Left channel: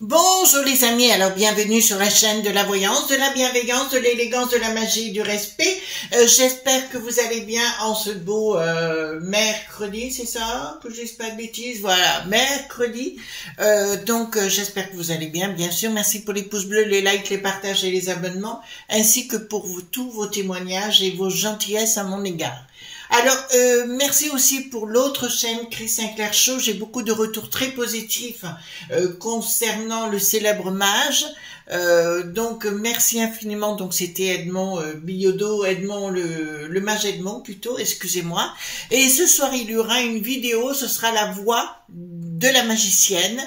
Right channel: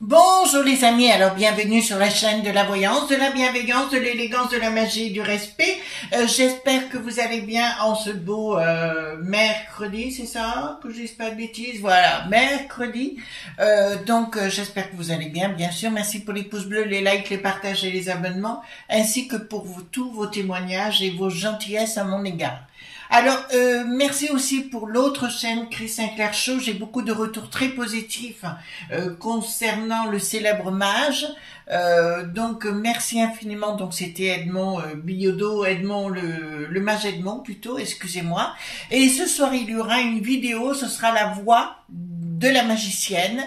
Bonjour les amis, alors bienvenue sur la chaîne de la voyance, de la bienveillance, de l'élégance, de la magie et du respect. J'espère que vous allez bien en ce beau mercredi, c'est ça? Que je dise pas de bêtises, voilà, mercredi. Donc j'espère que vous allez bien, bien sûr. Merci pour les pouces bleus, les likes, les partages et les abonnements, ainsi que pour vous, tous vos témoignages et vos gentillesses à mon égard. Alors, merci aussi pour l'autre chaîne, Chris Sinclair Show. J'ai beaucoup de retours très positifs concernant le célèbre mage. Donc, merci infiniment. Donc, c'était Edmond Biodo, Edmond, le mage Edmond plutôt, excusez-moi. Et ce soir, il y aura une vidéo, ce sera la voix de la magicienne,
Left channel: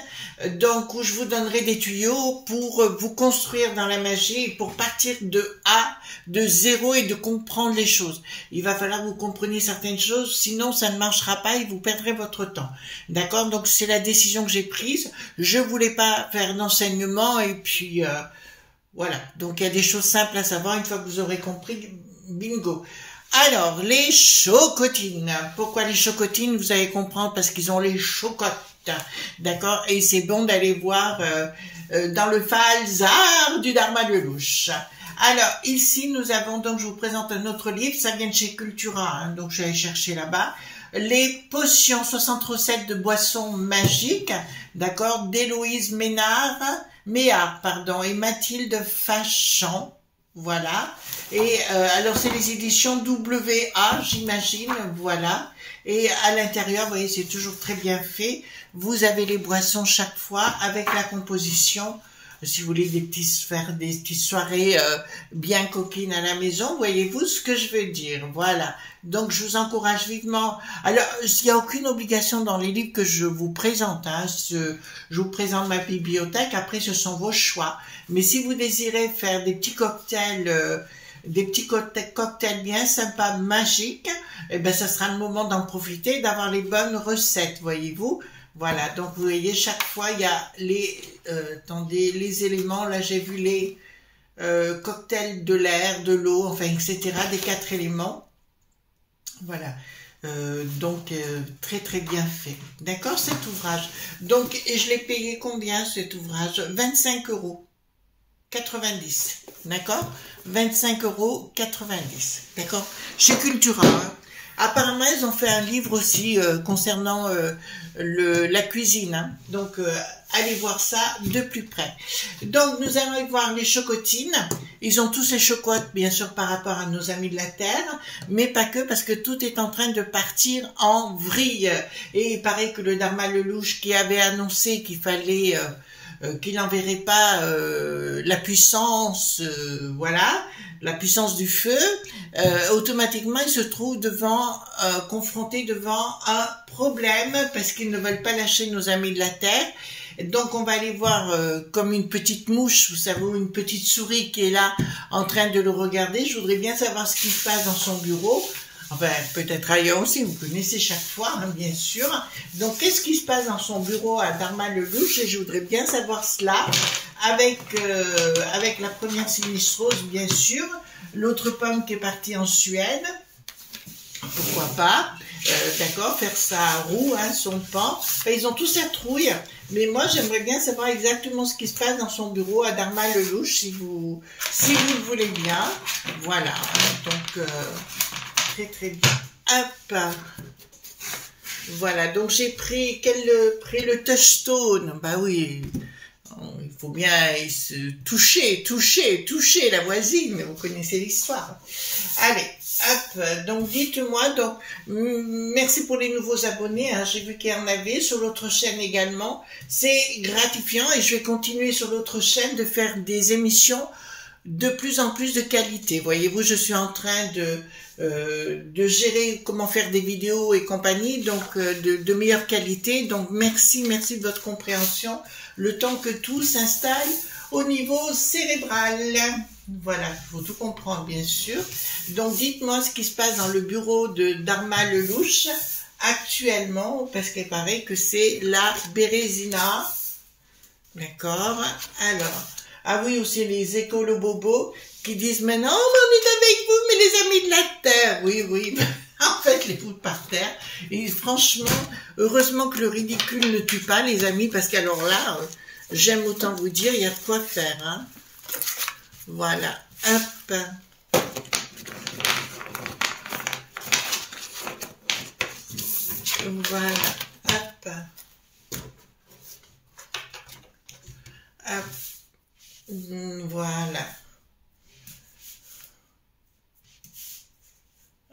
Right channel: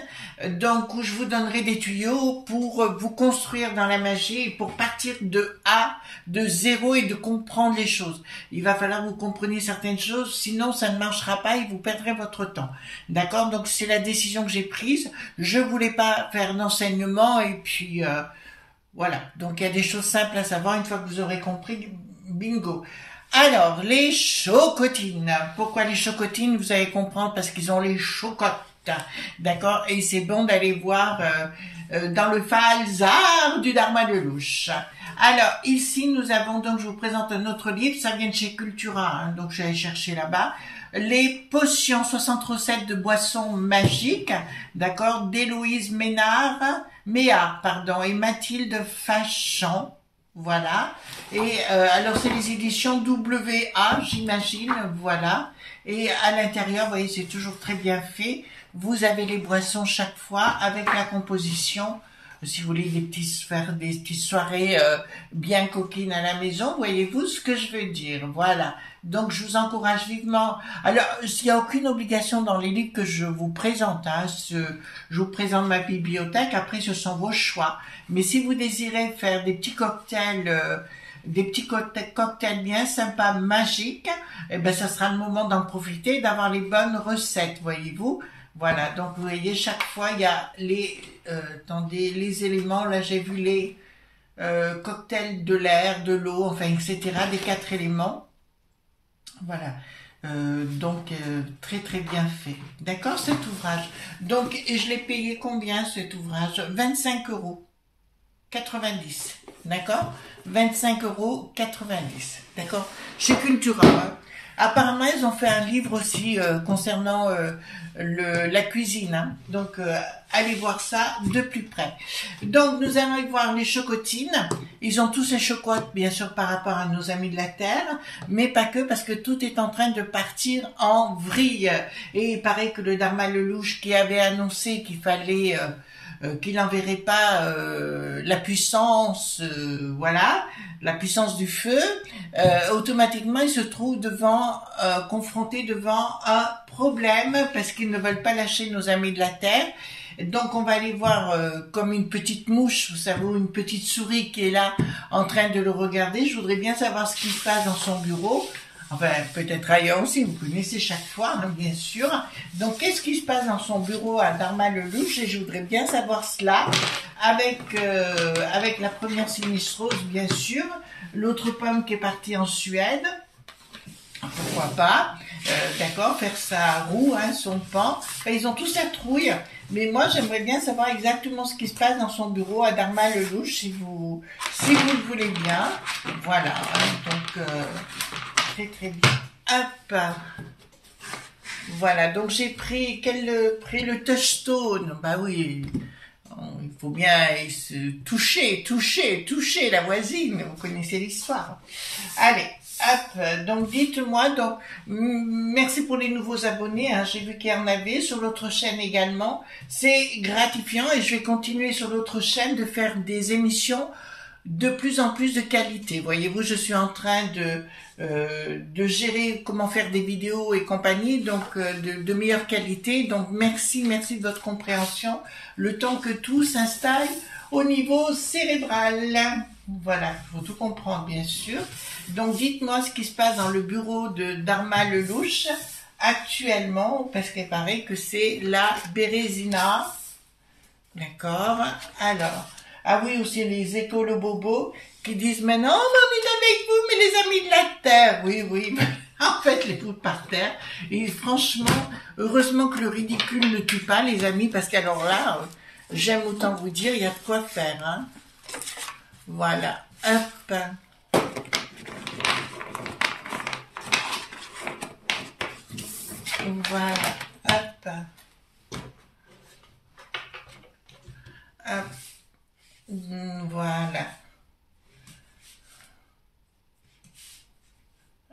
donc où je vous donnerai des tuyaux pour vous construire dans la magie, pour partir de zéro et de comprendre les choses. Il va falloir que vous compreniez certaines choses, sinon ça ne marchera pas et vous perdrez votre temps. D'accord? Donc c'est la décision que j'ai prise. Je voulais pas faire d'enseignement et puis voilà. Donc il y a des choses simples à savoir une fois que vous aurez compris. Bingo. Alors, les chocotines. Pourquoi les chocotines? Vous allez comprendre parce qu'ils ont les chocottes. D'accord? Et c'est bon d'aller voir dans le Falzar du Dharma de Louche. Alors, ici, nous avons, donc, je vous présente un autre livre. Ça vient de chez Cultura, hein, donc je vais aller chercher là-bas. Les potions, 60 recettes de boissons magiques. D'accord? d'Héloïse Méhard, pardon, et Mathilde Fachan. Voilà. Et alors c'est les éditions WA, j'imagine, voilà. Et à l'intérieur, vous voyez, c'est toujours très bien fait. Vous avez les boissons chaque fois avec la composition. Si vous voulez faire des petites soirées bien coquines à la maison, voyez-vous ce que je veux dire. Voilà. Donc, je vous encourage vivement. Alors, il n'y a aucune obligation dans les livres que je vous présente. Hein. Je vous présente ma bibliothèque. Après, ce sont vos choix. Mais si vous désirez faire des petits cocktails, bien sympas, magiques, eh ben, ça sera le moment d'en profiter, d'avoir les bonnes recettes, voyez-vous. Voilà, donc vous voyez, chaque fois, il y a les éléments, là j'ai vu les cocktails de l'air, de l'eau, enfin, etc., des 4 éléments. Voilà, donc très très bien fait. D'accord, cet ouvrage. Donc, et je l'ai payé combien cet ouvrage? 25,90 €. D'accord? 25,90 €. D'accord? Chez Cultura. Hein. Apparemment, ils ont fait un livre aussi concernant la cuisine. Hein. Donc, allez voir ça de plus près. Donc, nous allons y voir les chocotines. Ils ont tous les chocottes, bien sûr, par rapport à nos amis de la Terre, mais pas que, parce que tout est en train de partir en vrille. Et il paraît que le Dharma Lelouch qui avait annoncé qu'il fallait... qu'il n'enverrait pas la puissance, voilà, la puissance du feu, automatiquement il se trouve confronté devant un problème parce qu'ils ne veulent pas lâcher nos amis de la Terre. Donc on va aller voir comme une petite mouche, vous savez, une petite souris qui est là en train de le regarder. Je voudrais bien savoir ce qui se passe dans son bureau. Enfin, peut-être ailleurs aussi, vous connaissez chaque fois, hein, bien sûr. Donc, qu'est-ce qui se passe dans son bureau à Dharma Lelouch? Et je voudrais bien savoir cela avec la première sinistrose, bien sûr. L'autre pomme qui est partie en Suède. Pourquoi pas? D'accord, faire sa roue, hein, son pan. Enfin, ils ont tous la trouille. Mais moi, j'aimerais bien savoir exactement ce qui se passe dans son bureau à Dharma Lelouch, si vous le voulez bien. Voilà, donc... très très bien. Hop. Voilà, donc j'ai pris le touchstone. Bah oui, il faut bien se toucher la voisine. Vous connaissez l'histoire. Allez, hop. Donc dites-moi. Donc merci pour les nouveaux abonnés. Hein. J'ai vu qu'il y en avait sur l'autre chaîne également. C'est gratifiant et je vais continuer sur l'autre chaîne de faire des émissions de plus en plus de qualité. Voyez-vous, je suis en train de gérer comment faire des vidéos et compagnie, donc de meilleure qualité. Donc merci de votre compréhension, le temps que tout s'installe au niveau cérébral. Voilà, il faut tout comprendre bien sûr. Donc dites-moi ce qui se passe dans le bureau de Dharma Lelouch actuellement, parce qu'il paraît que c'est la Bérésina. D'accord. Alors, ah oui, aussi les écolo-bobos qui disent maintenant, oh, on est avec vous, mais les amis de la Terre. Oui, oui, en fait, les foutent par terre. Et franchement, heureusement que le ridicule ne tue pas, les amis, parce qu'alors là, j'aime autant vous dire, il y a de quoi faire. Hein. Voilà. Hop. Voilà. Hop. Hop. Voilà.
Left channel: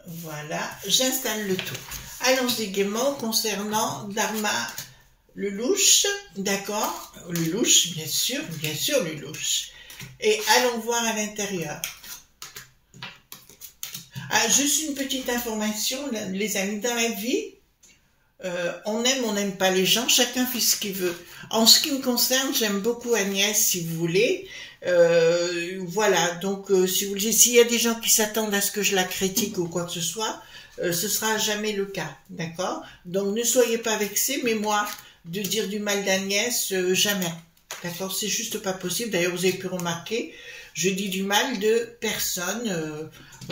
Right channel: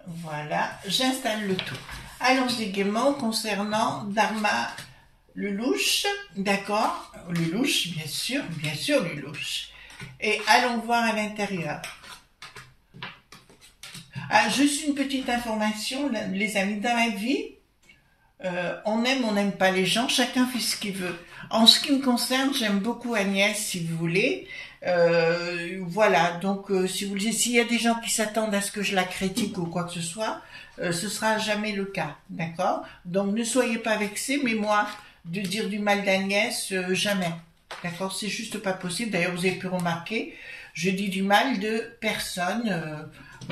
Voilà, j'installe le tout. Allons-y gaiement concernant Dharma Lelouch, d'accord? Lelouch, bien sûr, Lelouch. Et allons voir à l'intérieur. Ah, juste une petite information, les amis, dans la vie, on n'aime pas les gens, chacun fait ce qu'il veut. En ce qui me concerne, j'aime beaucoup Agnès, si vous voulez. Voilà, donc si vous voulez, s'il y a des gens qui s'attendent à ce que je la critique ou quoi que ce soit, ce sera jamais le cas, d'accord? Donc ne soyez pas vexés, mais moi, de dire du mal d'Agnès, jamais, d'accord? C'est juste pas possible. D'ailleurs, vous avez pu remarquer, je dis du mal de personne.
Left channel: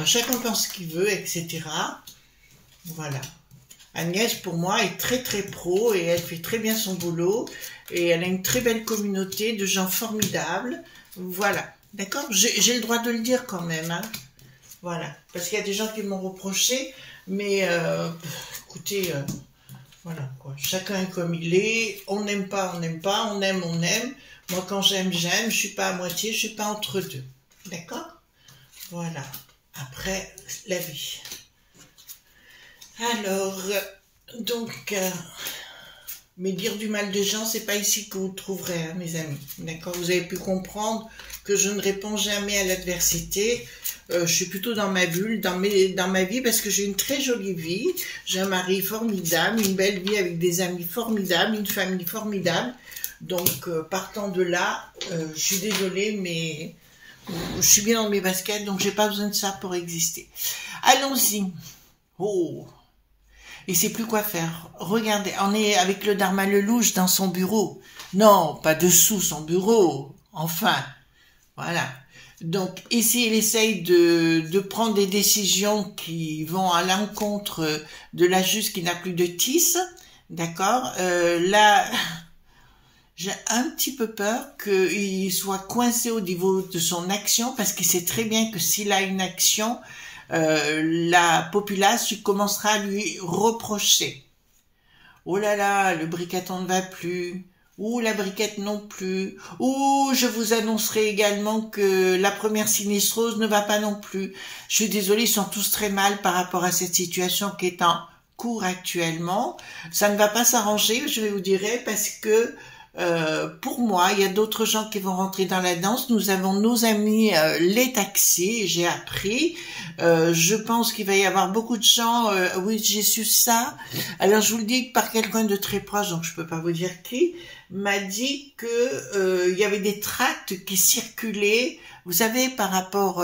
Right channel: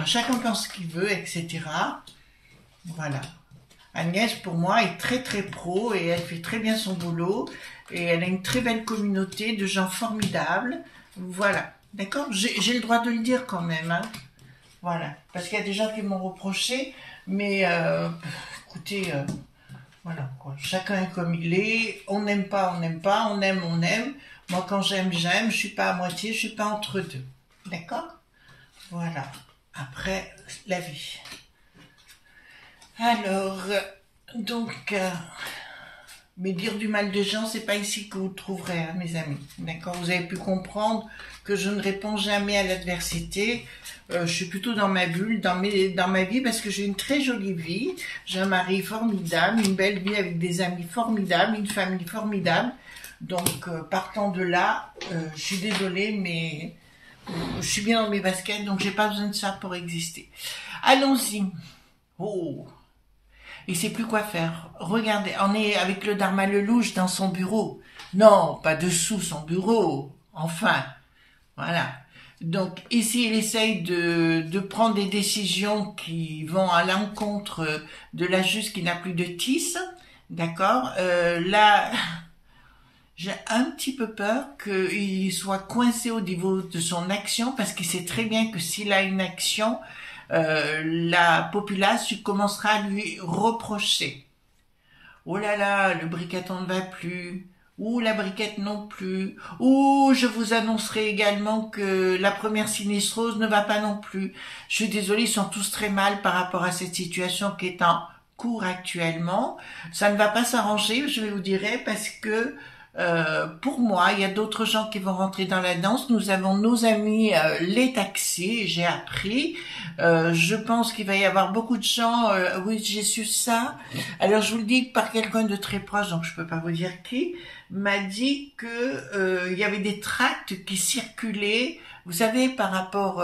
Chacun pense ce qu'il veut, etc. Voilà. Agnès, pour moi, est très pro et elle fait très bien son boulot et elle a une très belle communauté de gens formidables. Voilà, d'accord? J'ai le droit de le dire quand même, hein. Voilà, parce qu'il y a des gens qui m'ont reproché, mais écoutez, voilà quoi. Chacun est comme il est. On n'aime pas, on n'aime pas. On aime, on aime. Moi, quand j'aime, j'aime. Je suis pas à moitié, je suis pas entre deux. D'accord? Voilà. Après, la vie. Alors, donc, mais dire du mal de gens, c'est pas ici que vous trouverez, hein, mes amis. D'accord? Vous avez pu comprendre que je ne réponds jamais à l'adversité. Je suis plutôt dans ma bulle, dans ma vie, parce que j'ai une très jolie vie. J'ai un mari formidable, une belle vie avec des amis formidables, une famille formidable. Donc, partant de là, je suis désolée, mais je suis bien dans mes baskets, donc j'ai pas besoin de ça pour exister. Allons-y. Oh! Il sait plus quoi faire. Regardez, on est avec le Dharma Lelouch dans son bureau. Non, pas dessous son bureau. Enfin, voilà. Donc ici, il essaye de prendre des décisions qui vont à l'encontre de la juste qui n'a plus de tisse. D'accord. Là, j'ai un petit peu peur qu'il soit coincé au niveau de son action parce qu'il sait très bien que s'il a une action, la populace commencera à lui reprocher. Oh là là, le briqueton ne va plus. Ou la briquette non plus. Ou je vous annoncerai également que la première sinistrose ne va pas non plus. Je suis désolée, ils sont tous très mal par rapport à cette situation qui est en cours actuellement. Ça ne va pas s'arranger, je vais vous dire, parce que pour moi, il y a d'autres gens qui vont rentrer dans la danse. Nous avons nos amis les taxis, j'ai appris. Je pense qu'il va y avoir beaucoup de gens. Oui, j'ai su ça. Alors, je vous le dis par quelqu'un de très proche, donc je peux pas vous dire qui, m'a dit que il y avait des tracts qui circulaient. Vous savez, par rapport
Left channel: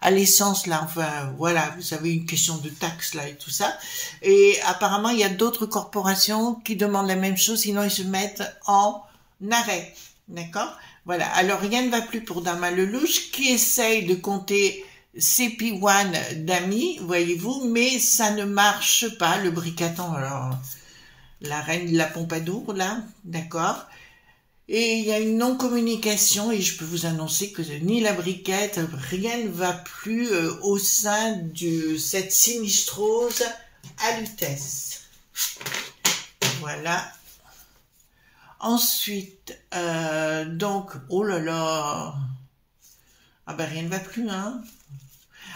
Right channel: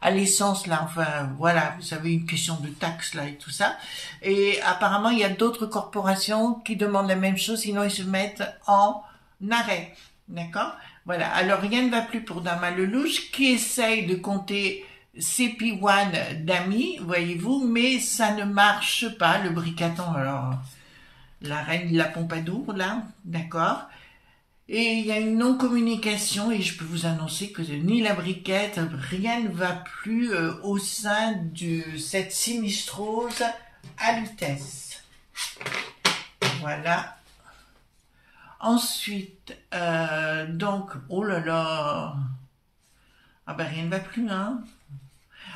à l'essence, là, enfin, voilà, vous savez, une question de taxes, là, et tout ça. Et apparemment, il y a d'autres corporations qui demandent la même chose, sinon ils se mettent en arrêt. D'accord? Voilà. Alors, rien ne va plus pour Dharma Lelouch, qui essaye de compter ses P1 d'amis, voyez-vous, mais ça ne marche pas, le briqueton. Alors, la reine de la Pompadour, là, d'accord? Et il y a une non-communication et je peux vous annoncer que ni la briquette, rien ne va plus au sein de cette sinistrose à Lutèce. Voilà. Ensuite, donc, oh là là, ah ben rien ne va plus, hein.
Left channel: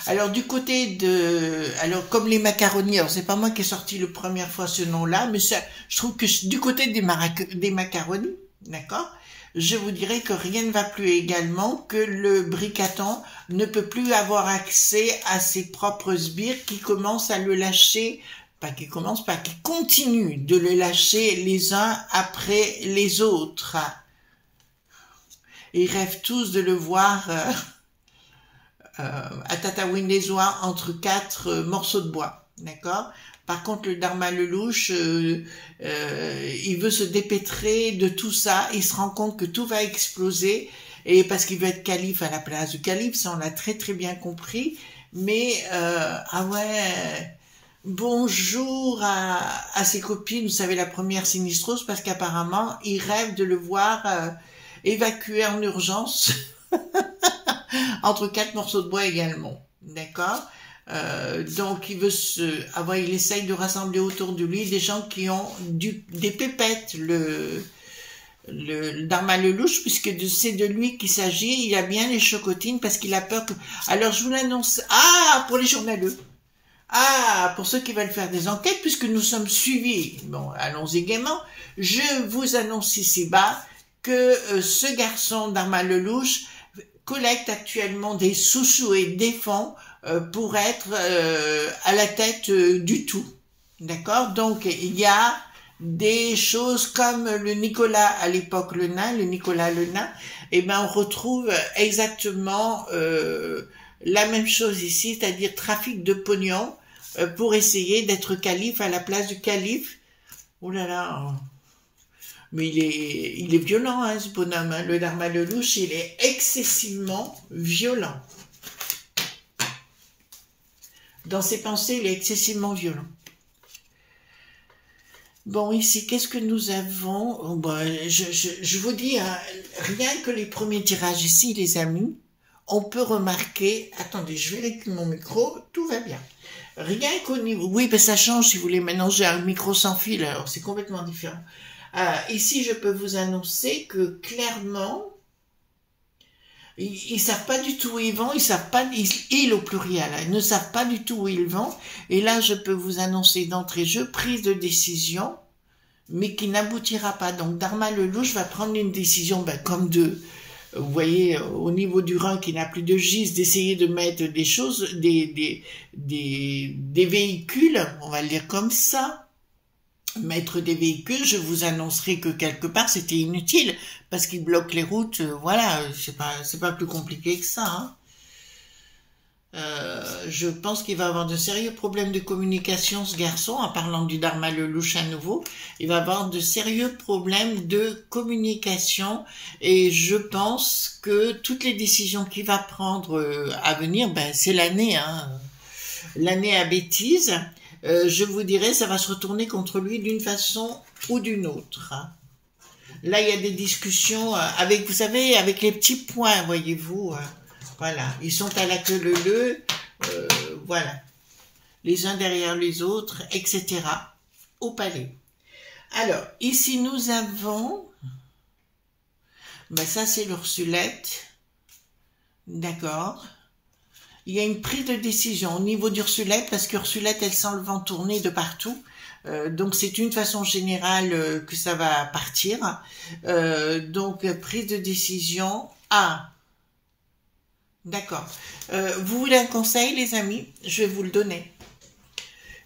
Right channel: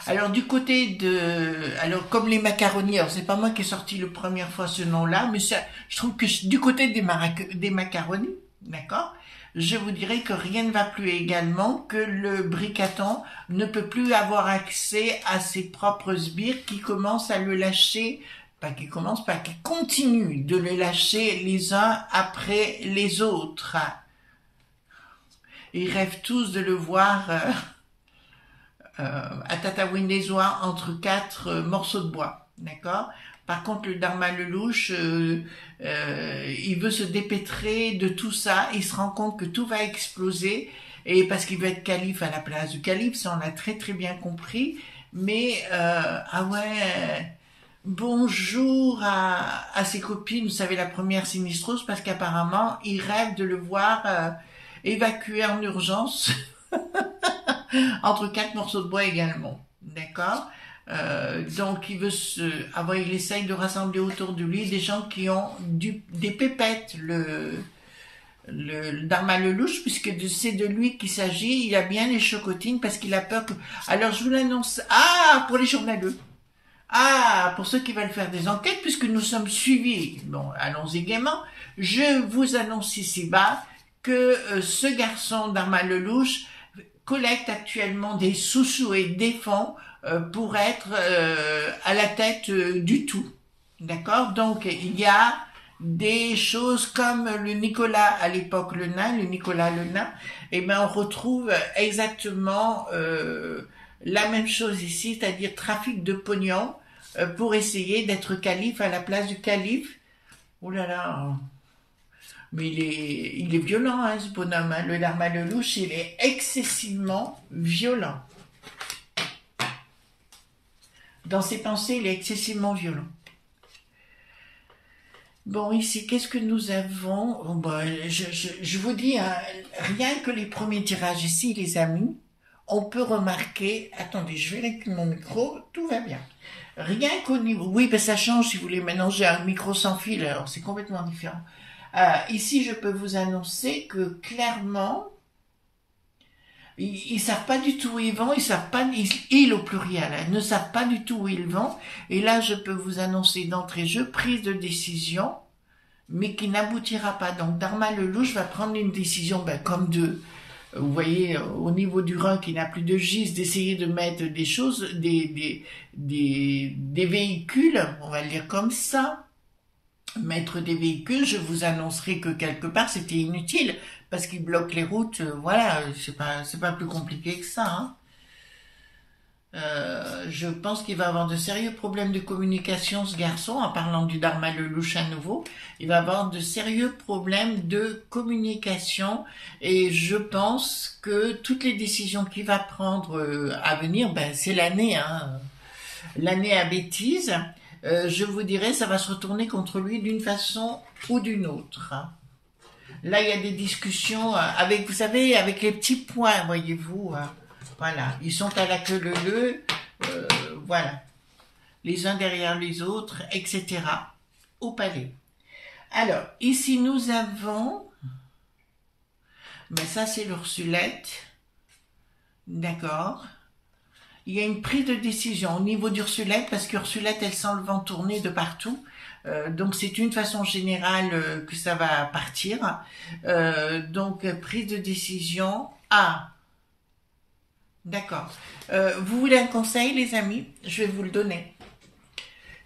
Alors du côté de, alors comme les macaronis, alors c'est pas moi qui ai sorti la première fois ce nom-là, mais ça, je trouve que du côté des macaronis, d'accord? Je vous dirais que rien ne va plus également, que le Bricaton ne peut plus avoir accès à ses propres sbires qui commencent à le lâcher, qui continuent de le lâcher les uns après les autres. Ils rêvent tous de le voir à Tataouine-les-Oies entre 4 morceaux de bois, d'accord? Par contre, le Dharma Lelouch, il veut se dépêtrer de tout ça. Il se rend compte que tout va exploser, et parce qu'il veut être calife à la place du calife, ça on l'a très très bien compris. Mais ah ouais, bonjour à ses copines. Vous savez, la première sinistrose, parce qu'apparemment il rêve de le voir évacué en urgence entre 4 morceaux de bois également, d'accord? Donc il essaye de rassembler autour de lui des gens qui ont des pépettes, le Dharma Lelouch, puisque c'est de lui qu'il s'agit. Il a bien les chocotines parce qu'il a peur que... Alors je vous l'annonce, pour les journaleux, pour ceux qui veulent faire des enquêtes, puisque nous sommes suivis, bon, allons-y gaiement, je vous annonce ici-bas que ce garçon Dharma Lelouch collecte actuellement des sous-sous et des fonds pour être à la tête du tout, d'accord? Donc il y a des choses comme le Nicolas à l'époque, le Nicolas le nain, et ben on retrouve exactement la même chose ici, c'est-à-dire trafic de pognon pour essayer d'être calife à la place du calife. Oh là là, mais il est violent, hein, ce bonhomme, hein. Le Dharma Lelouch, il est excessivement violent. Dans ses pensées, il est excessivement violent. Bon, ici, qu'est-ce que nous avons? Oh, bah, je vous dis, hein, rien que les premiers tirages ici, les amis, on peut remarquer... Attendez, je vérifie mon micro, tout va bien. Rien qu'au niveau... Oui, ben ça change si vous voulez. Maintenant, j'ai un micro sans fil, alors c'est complètement différent. Ici, je peux vous annoncer que clairement... Ils savent pas du tout où ils vont, ils savent pas, ils au pluriel, hein, ils ne savent pas du tout où ils vont. Et là, je peux vous annoncer d'entrée de jeu, prise de décision, mais qui n'aboutira pas. Donc, Dharma Lelouch va prendre une décision, comme vous voyez, au niveau du rein qui n'a plus de gis, d'essayer de mettre des choses, des véhicules, on va le dire comme ça. Mettre des véhicules, je vous annoncerai que quelque part c'était inutile parce qu'ils bloquent les routes, voilà, c'est pas plus compliqué que ça, hein. Je pense qu'il va avoir de sérieux problèmes de communication, ce garçon, en parlant du Dharma Lelouch à nouveau. Il va avoir de sérieux problèmes de communication, et je pense que toutes les décisions qu'il va prendre à venir, c'est l'année, hein, l'année à bêtise. Je vous dirais, ça va se retourner contre lui d'une façon ou d'une autre. Là, il y a des discussions avec, vous savez, avec les petits points, voyez-vous. Voilà, ils sont à la queue leu, voilà, les uns derrière les autres, etc. au palais. Alors, ici, nous avons, ça c'est l'Ursulette, d'accord. Il y a une prise de décision au niveau d'Ursulette, parce qu'Ursulette, elle sent le vent tourner de partout. Donc, c'est une façon générale que ça va partir. Donc, prise de décision. D'accord. Vous voulez un conseil, les amis? Je vais vous le donner.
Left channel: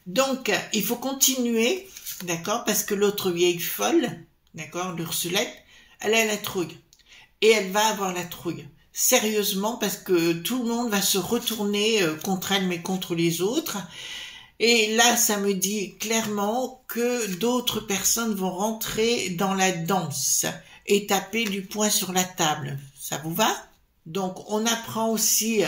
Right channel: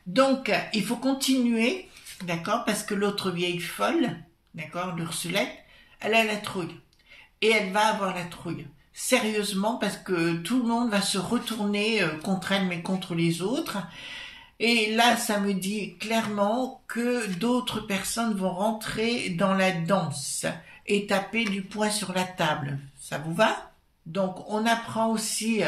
Donc, il faut continuer, d'accord, parce que l'autre vieille folle, d'accord, l'Ursulette, elle a la trouille. Et elle va avoir la trouille. Sérieusement, parce que tout le monde va se retourner contre elle, mais contre les autres. Et là, ça me dit clairement que d'autres personnes vont rentrer dans la danse et taper du poing sur la table. Ça vous va? Donc, on apprend aussi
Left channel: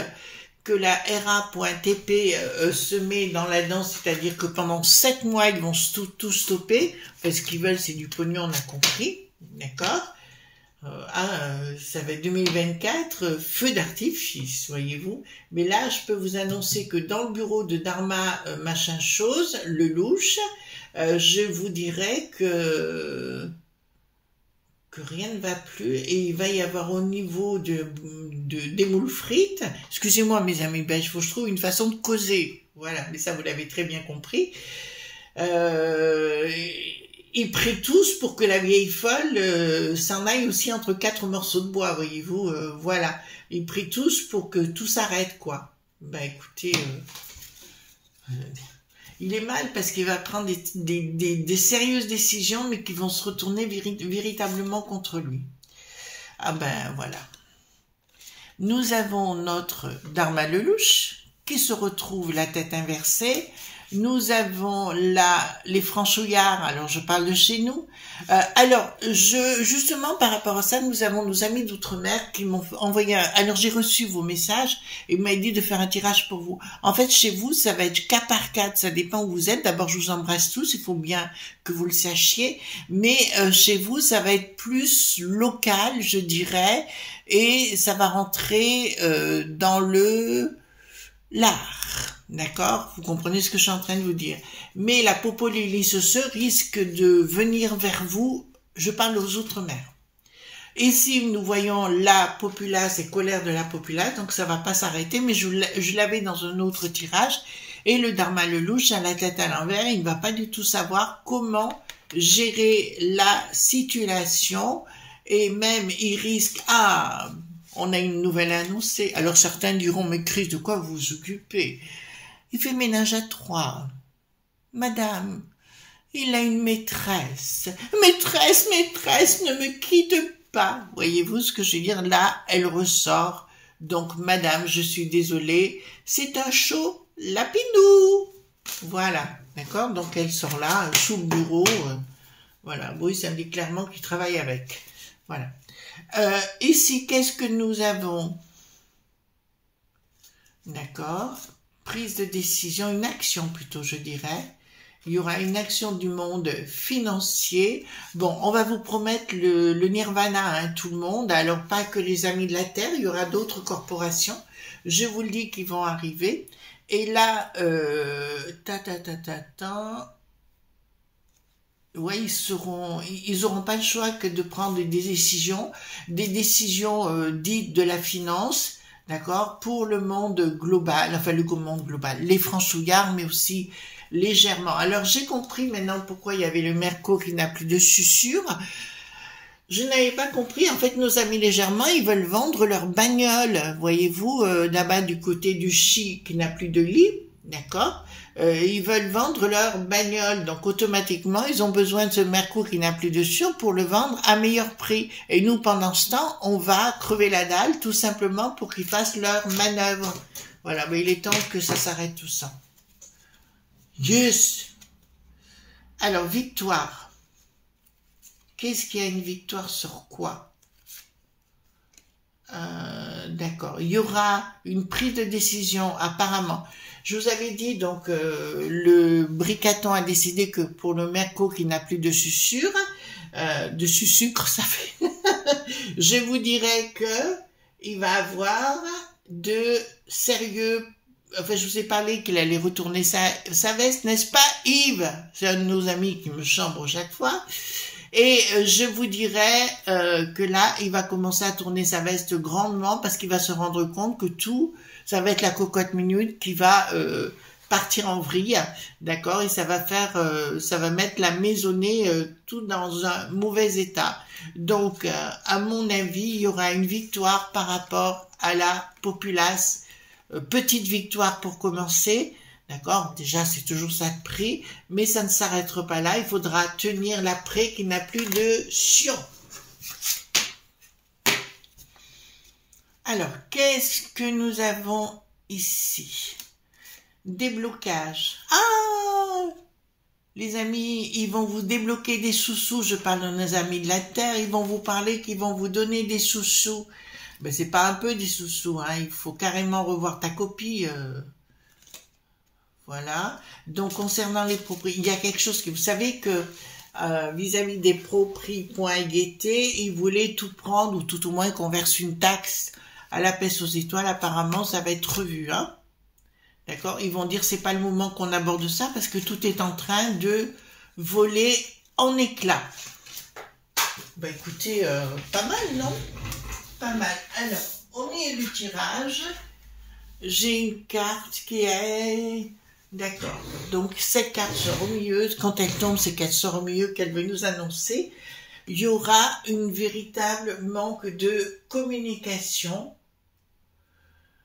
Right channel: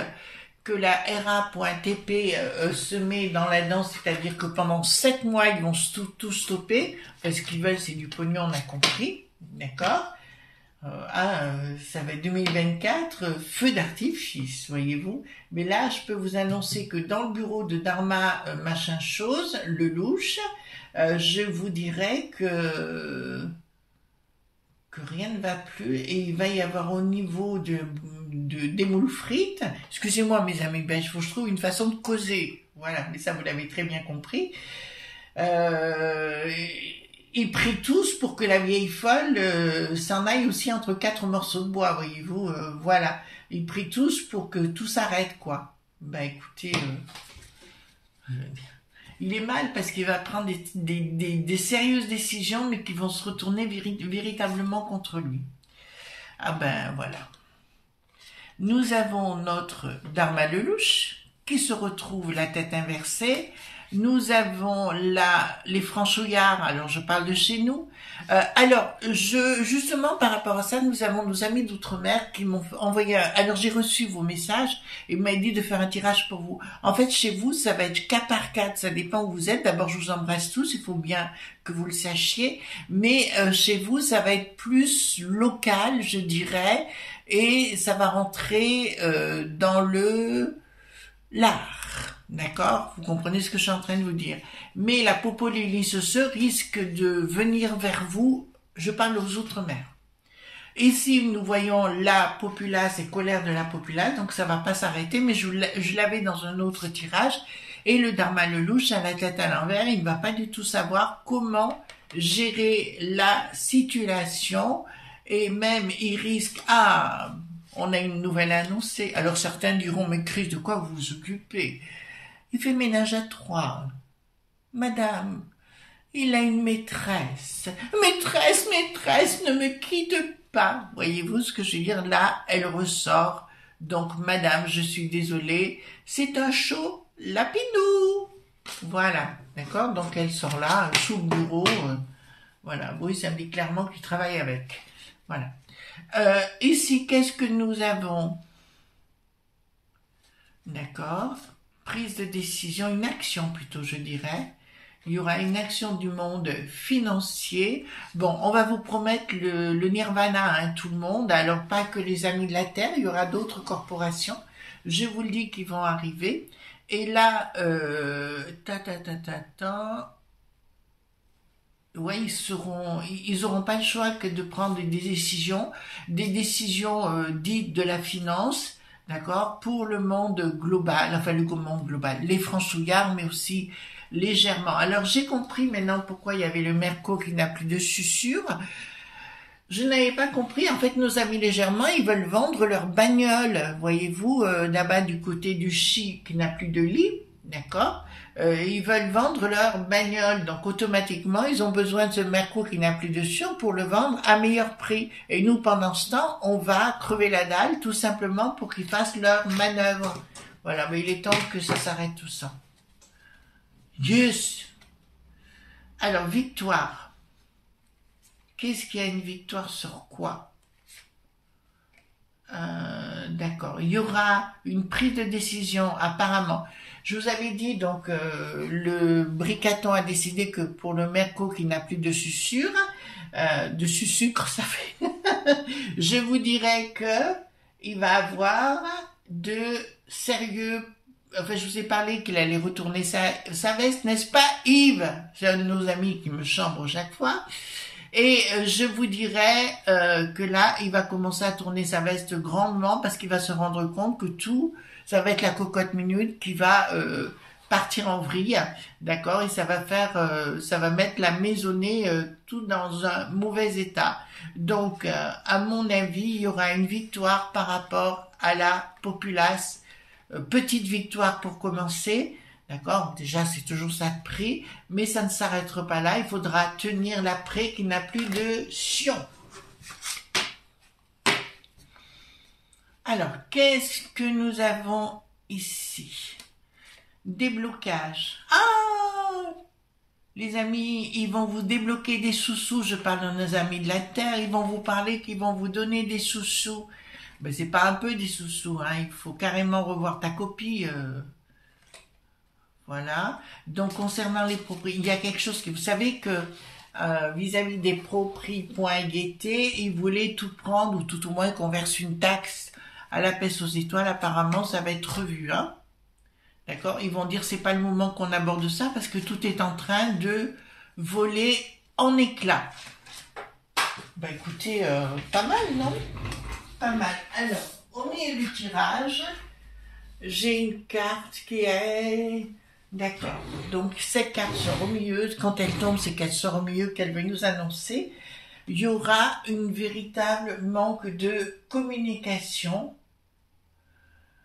que la RA.TP se met dans la danse, c'est-à-dire que pendant 7 mois, ils vont tout stopper, parce qu'ils veulent, c'est du pognon, on a compris, d'accord? Ça va être 2024, feu d'artifice, voyez-vous. Mais là, je peux vous annoncer que dans le bureau de Dharma machin chose, Lelouch, je vous dirais que rien ne va plus, et il va y avoir au niveau des moules frites, excusez-moi mes amis belges, il faut que je trouve une façon de causer, voilà, mais ça vous l'avez très bien compris. Ils prient tous pour que la vieille folle s'en aille aussi entre 4 morceaux de bois, voyez-vous. Voilà. Ils prient tous pour que tout s'arrête, quoi. Ben écoutez, il est mal parce qu'il va prendre des sérieuses décisions, mais qui vont se retourner véritablement contre lui. Ah ben voilà. Nous avons notre Dharma Lelouch qui se retrouve la tête inversée. Nous avons là les franchouillards, alors je parle de chez nous. Justement par rapport à ça, nous avons nos amis d'outre-mer qui m'ont envoyé. Alors j'ai reçu vos messages et m'a dit de faire un tirage pour vous. En fait, chez vous, ça va être cas par cas, ça dépend où vous êtes. D'abord, je vous embrasse tous, il faut bien que vous le sachiez. Mais chez vous, ça va être plus local, je dirais, et ça va rentrer dans l'art. D'accord? Vous comprenez ce que je suis en train de vous dire. Mais la Popolilis risque de venir vers vous, je parle aux Outre-mer. Ici, nous voyons la populace et colère de la populace, donc ça va pas s'arrêter, mais je l'avais dans un autre tirage. Et le Dharma Lelouch, à la tête à l'envers, il ne va pas du tout savoir comment gérer la situation, et même il risque, on a une nouvelle annoncée. Alors certains diront, mais Chris, de quoi vous vous occupez? Il fait ménage à 3. Madame, il a une maîtresse. Maîtresse, ne me quitte pas. Voyez-vous ce que je veux dire? Là, elle ressort. Donc, madame, je suis désolée. C'est un show lapidou. Voilà. D'accord? Donc, elle sort là, sous le bureau. Voilà. Oui, ça me dit clairement qu'il travaille avec. Voilà. Ici, qu'est-ce que nous avons? D'accord? Prise de décision, une action plutôt, je dirais. Il y aura une action du monde financier. Bon, on va vous promettre le nirvana, hein, tout le monde. Alors, pas que les amis de la Terre, il y aura d'autres corporations. Je vous le dis qu'ils vont arriver. Et là, ouais, ils auront pas le choix que de prendre des décisions dites de la finance. D'accord, pour le monde global, enfin le monde global, les franchouillards, mais aussi légèrement. Alors j'ai compris maintenant pourquoi il y avait le Merco qui n'a plus de susurre. Je n'avais pas compris, en fait nos amis légèrement, ils veulent vendre leur bagnole, voyez-vous, là-bas du côté du Chi qui n'a plus de lit, d'accord, ils veulent vendre leur bagnole, donc automatiquement ils ont besoin de ce Merco qui n'a plus de susurre pour le vendre à meilleur prix. Et nous, pendant ce temps, on va crever la dalle tout simplement pour qu'ils fassent leur manœuvre. Voilà, mais il est temps que ça s'arrête tout ça. Yes. Alors, victoire. Qu'est-ce qu'il y a une victoire sur quoi? D'accord. Il y aura une prise de décision, apparemment. Je vous avais dit, donc, le Bricaton a décidé que pour le Merco qui n'a plus de susurre, ça fait... je vous dirais que il va avoir de sérieux... Enfin, je vous ai parlé qu'il allait retourner sa veste, n'est-ce pas, Yves? C'est un de nos amis qui me chambre chaque fois. Et je vous dirais que là, il va commencer à tourner sa veste grandement parce qu'il va se rendre compte que tout, ça va être la cocotte minute qui va partir en vrille, d'accord? Et ça va mettre la maisonnée tout dans un mauvais état. Donc, à mon avis, il y aura une victoire par rapport à la populace. Petite victoire pour commencer. D'accord? Déjà, c'est toujours ça de prix, mais ça ne s'arrêtera pas là. Il faudra tenir l'après qui n'a plus de sion. Alors, qu'est-ce que nous avons ici? Déblocage. Ah! Les amis, ils vont vous débloquer des sous-sous. Je parle de nos amis de la Terre. Ils vont vous parler qu'ils vont vous donner des sous-sous. Ben, c'est pas un peu des sous-sous, hein. Il faut carrément revoir ta copie. Voilà. Donc, concernant les propriétés, il y a quelque chose que vous savez que vis-à-vis des propriétés, ils voulaient tout prendre, ou tout au moins qu'on verse une taxe à la peste aux étoiles. Apparemment, ça va être revu, hein. D'accord? Ils vont dire, c'est pas le moment qu'on aborde ça, parce que tout est en train de voler en éclats. Bah, écoutez, pas mal, non? Pas mal. Alors, au milieu du tirage, j'ai une carte qui est D'accord. Donc, cette carte sort au milieu. Quand elle tombe, c'est qu'elle sort au milieu, qu'elle veut nous annoncer. Il y aura une véritable manque de communication.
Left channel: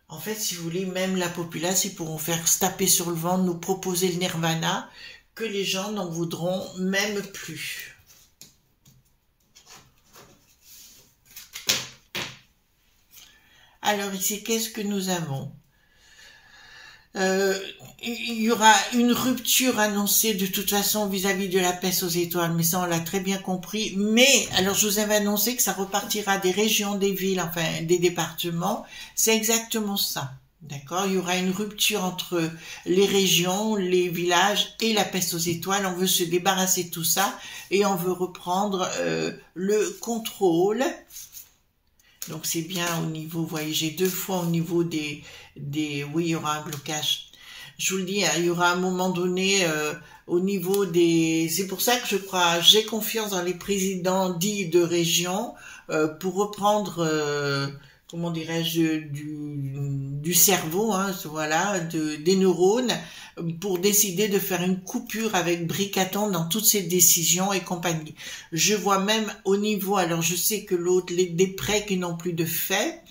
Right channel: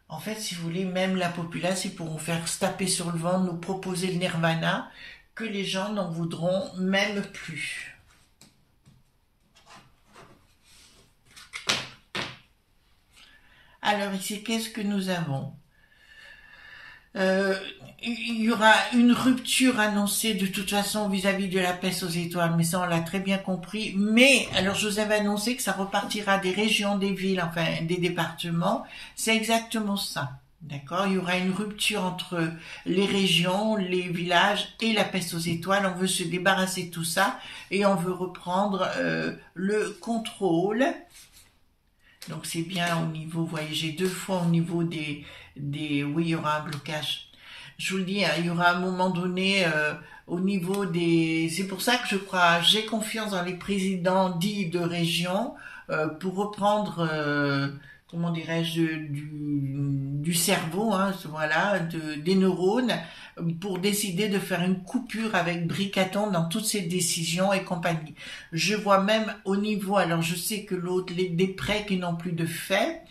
En fait, si vous voulez, même la populace, ils pourront faire se taper sur le ventre, nous proposer le nirvana, que les gens n'en voudront même plus. Alors ici, qu'est-ce que nous avons? Il y aura une rupture annoncée de toute façon vis-à-vis de la peste aux étoiles, mais ça on l'a très bien compris. Mais, alors je vous avais annoncé que ça repartira des régions, des villes, enfin des départements. C'est exactement ça. D'accord? Il y aura une rupture entre les régions, les villages et la peste aux étoiles. On veut se débarrasser de tout ça et on veut reprendre le contrôle. Donc c'est bien au niveau, vous voyez, j'ai 2 fois au niveau des oui, il y aura un blocage. Je vous le dis, hein, il y aura un moment donné au niveau des... C'est pour ça que je crois, j'ai confiance dans les présidents dits de région pour reprendre, comment dirais-je, du cerveau, hein, voilà, des neurones, pour décider de faire une coupure avec Bricaton dans toutes ces décisions et compagnie. Je vois même au niveau, alors je sais que l'autre, des prêts qui n'ont plus de fait,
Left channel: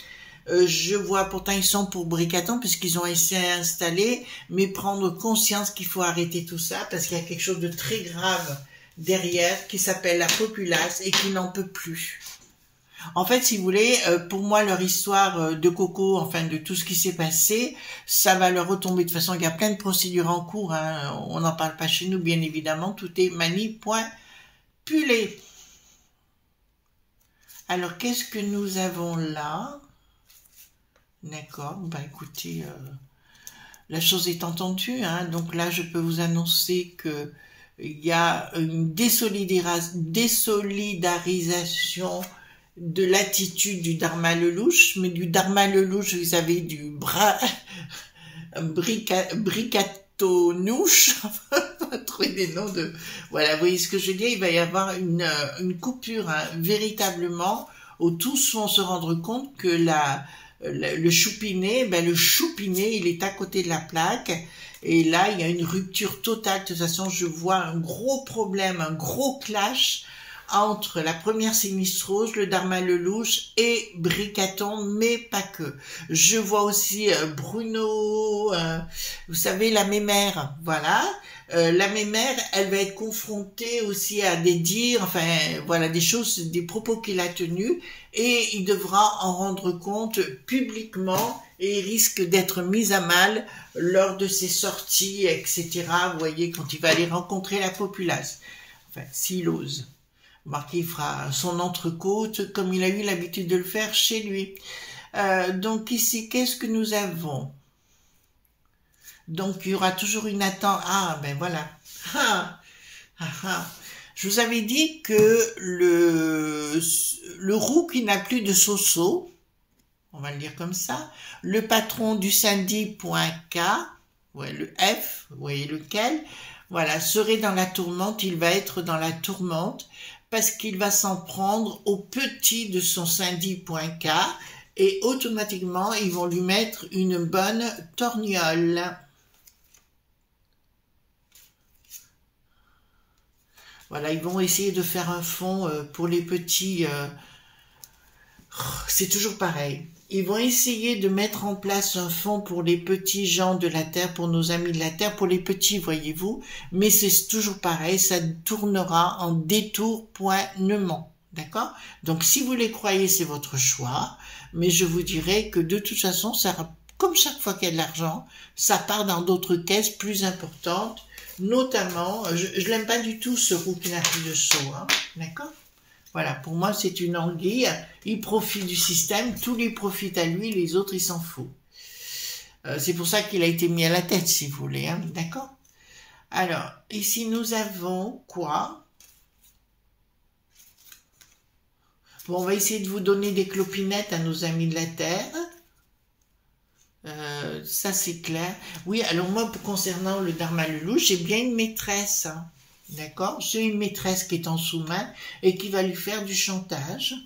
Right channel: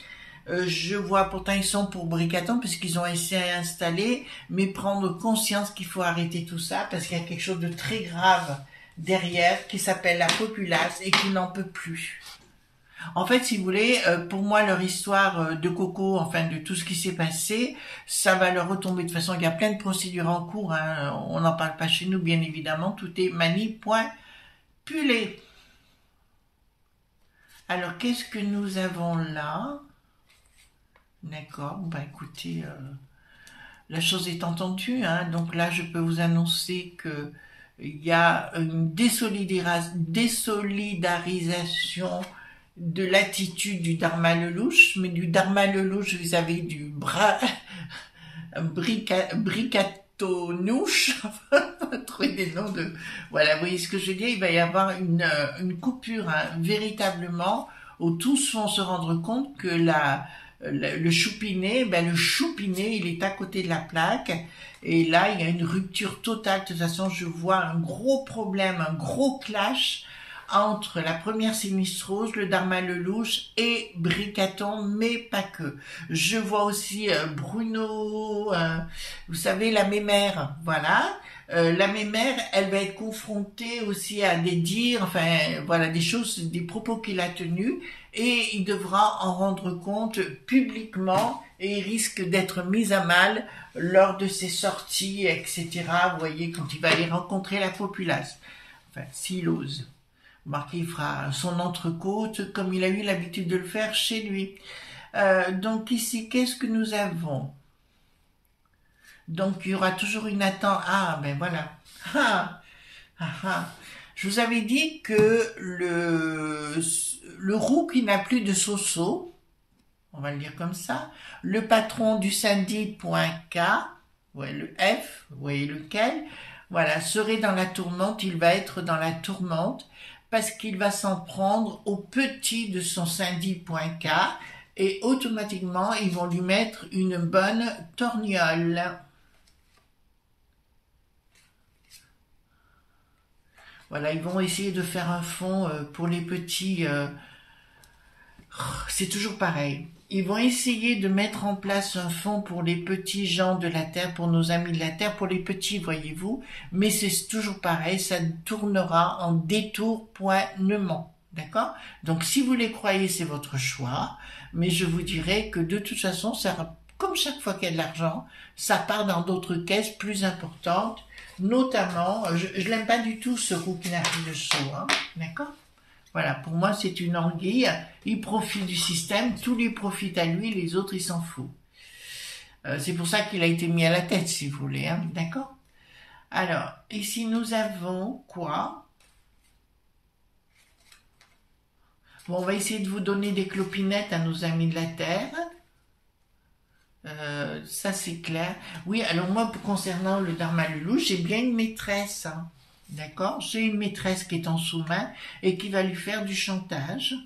je vois pourtant ils sont pour Bricaton puisqu'ils ont essayé d'installer, mais prendre conscience qu'il faut arrêter tout ça parce qu'il y a quelque chose de très grave derrière qui s'appelle la populace et qui n'en peut plus. En fait, si vous voulez, pour moi, leur histoire de Coco, enfin de tout ce qui s'est passé, ça va leur retomber. De toute façon, il y a plein de procédures en cours. Hein. On n'en parle pas chez nous, bien évidemment. Tout est manipulé. Alors, qu'est-ce que nous avons là? D'accord. Ben, écoutez, la chose est entendue. Hein. Donc là, je peux vous annoncer que il y a une désolidarisation de l'attitude du Dharma Lelouch, mais du Dharma Lelouch, vous avez du Bricatonouche, trouver des noms de... Voilà, vous voyez ce que je veux dire, il va y avoir une coupure, hein, véritablement, où tous vont se rendre compte que le choupinet, ben le choupinet, il est à côté de la plaque, et là, il y a une rupture totale. De toute façon, je vois un gros problème, un gros clash, entre la première sinistrose, le Dharma Lelouch et Bricaton, mais pas que. Je vois aussi Bruno, vous savez, la mémère, voilà. La mémère, elle va être confrontée aussi à des dires, enfin, voilà, des choses, des propos qu'il a tenus, et il devra en rendre compte publiquement, et il risque d'être mis à mal lors de ses sorties, etc. Vous voyez, quand il va aller rencontrer la populace. Enfin, s'il ose. Remarquez, il fera son entrecôte comme il a eu l'habitude de le faire chez lui. Donc ici, qu'est-ce que nous avons? Donc il y aura toujours une attente. Ah, ben voilà. Je vous avais dit que le roux qui n'a plus de soso, on va le dire comme ça, le patron du Sandy.K, ouais, le F, vous voyez lequel, voilà, serait dans la tourmente, il va être dans la tourmente, parce qu'il va s'en prendre au petit de son Sandy.K et automatiquement ils vont lui mettre une bonne torgnole. Voilà, ils vont essayer de faire un fond pour les petits. C'est toujours pareil. Ils vont essayer de mettre en place un fonds pour les petits gens de la Terre, pour nos amis de la Terre, pour les petits, voyez-vous. Mais c'est toujours pareil, ça tournera en détournement. D'accord? Donc, si vous les croyez, c'est votre choix. Mais je vous dirais que de toute façon, ça, comme chaque fois qu'il y a de l'argent, ça part dans d'autres caisses plus importantes. Notamment, je l'aime pas du tout, ce roux qui n'a plus de seau. Hein? D'accord? Voilà, pour moi, c'est une anguille. Il profite du système, tout lui profite à lui, les autres, il s'en fout. C'est pour ça qu'il a été mis à la tête, si vous voulez. Hein, d'accord? Alors, ici, nous avons quoi? Bon, on va essayer de vous donner des clopinettes à nos amis de la Terre. Ça, c'est clair. Oui, alors moi, concernant le Dharma Lelouch, j'ai bien une maîtresse, hein. D'accord? J'ai une maîtresse qui est en sous-main et qui va lui faire du chantage.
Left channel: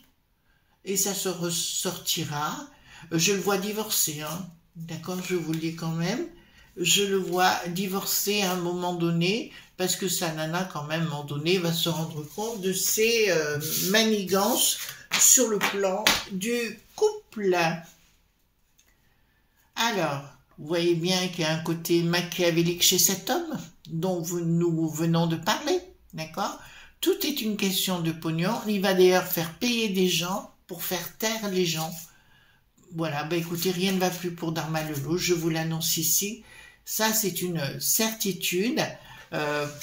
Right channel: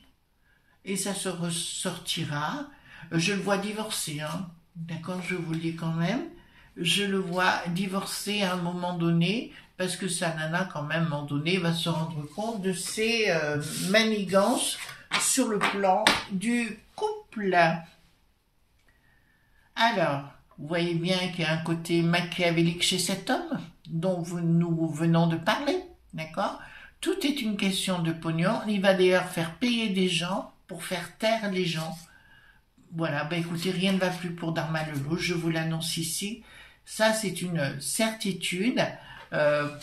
Et ça se ressortira. Je le vois divorcer, hein. D'accord? Je vous le dis quand même. je le vois divorcer à un moment donné, parce que sa nana, quand même, à un moment donné, va se rendre compte de ses manigances sur le plan du couple. Alors, vous voyez bien qu'il y a un côté machiavélique chez cet homme, dont nous venons de parler, d'accord? Tout est une question de pognon. Il va d'ailleurs faire payer des gens pour faire taire les gens. Voilà, ben écoutez, rien ne va plus pour Dharma Lelouch, je vous l'annonce ici. Ça, c'est une certitude.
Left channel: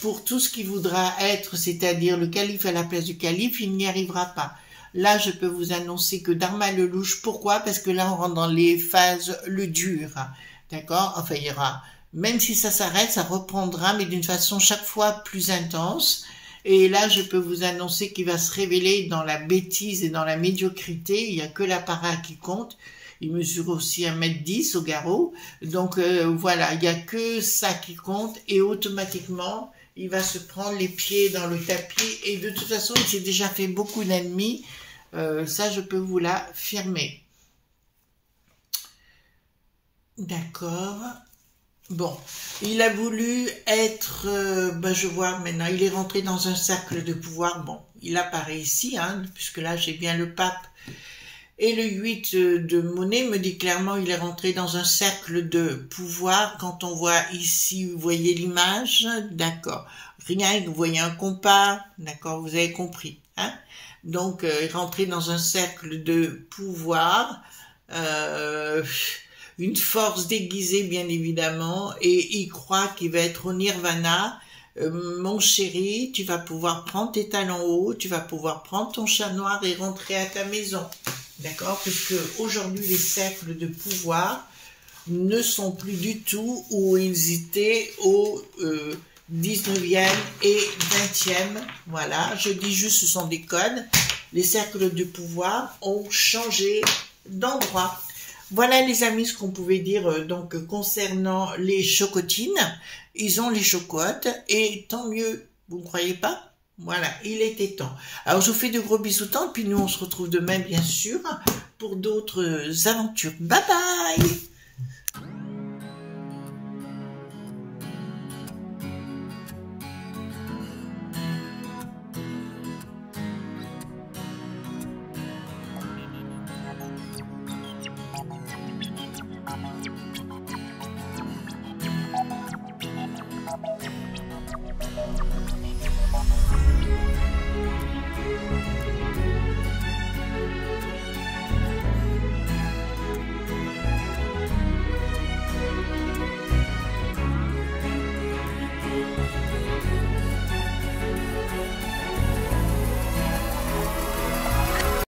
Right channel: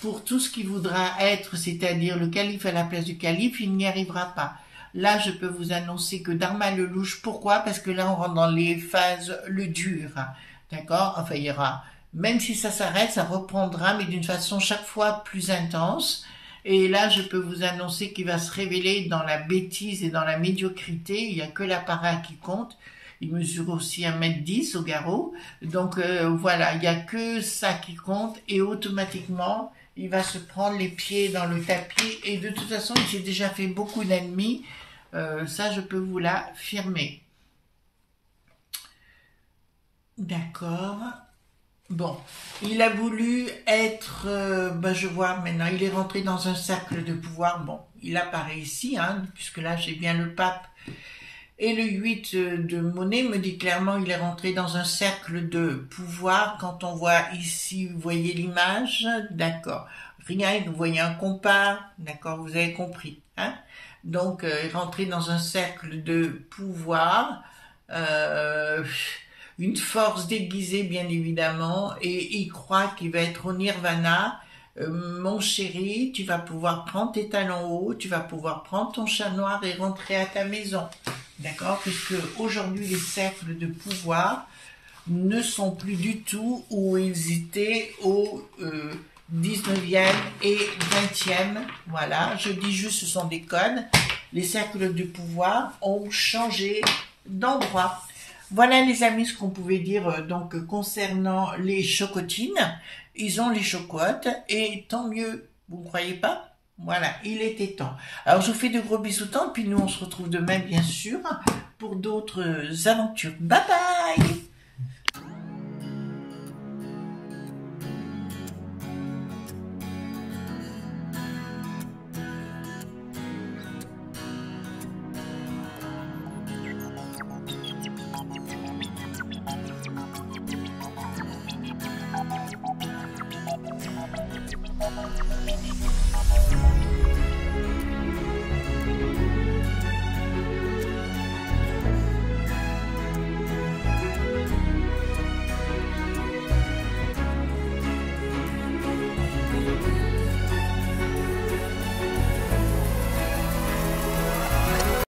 Pour tout ce qui voudra être, c'est-à-dire le calife à la place du calife, il n'y arrivera pas. Là, je peux vous annoncer que Dharma Lelouch, pourquoi? Parce que là, on rentre dans les phases le dur, d'accord? Enfin, il y aura, même si ça s'arrête, ça reprendra, mais d'une façon chaque fois plus intense. Et là, je peux vous annoncer qu'il va se révéler dans la bêtise et dans la médiocrité. Il n'y a que l'apparat qui compte. Il mesure aussi 1,10 m au garrot. Donc voilà, il n'y a que ça qui compte. Et automatiquement, il va se prendre les pieds dans le tapis. Et de toute façon, il s'est déjà fait beaucoup d'ennemis. Ça, je peux vous l'affirmer. D'accord. Bon, il a voulu être, je vois maintenant, il est rentré dans un cercle de pouvoir. Bon, il apparaît ici, hein, puisque là, j'ai bien le pape. Et le 8 de monnaie me dit clairement il est rentré dans un cercle de pouvoir. Quand on voit ici, vous voyez l'image, d'accord. Rien, vous voyez un compas, d'accord, vous avez compris. Hein. Donc, il est rentré dans un cercle de pouvoir, une force déguisée bien évidemment, et il croit qu'il va être au nirvana. Mon chéri, tu vas pouvoir prendre tes talons hauts, tu vas pouvoir prendre ton chat noir et rentrer à ta maison. D'accord? Puisque aujourd'hui, les cercles de pouvoir ne sont plus du tout où ils étaient au 19e et 20e. Voilà, je dis juste, ce sont des codes. Les cercles de pouvoir ont changé d'endroit. Voilà les amis, ce qu'on pouvait dire donc concernant les chocotines. Ils ont les chocottes et tant mieux, vous ne croyez pas? Voilà, il était temps. Alors, je vous fais de gros bisous, puis nous, on se retrouve demain, bien sûr, pour d'autres aventures. Bye bye!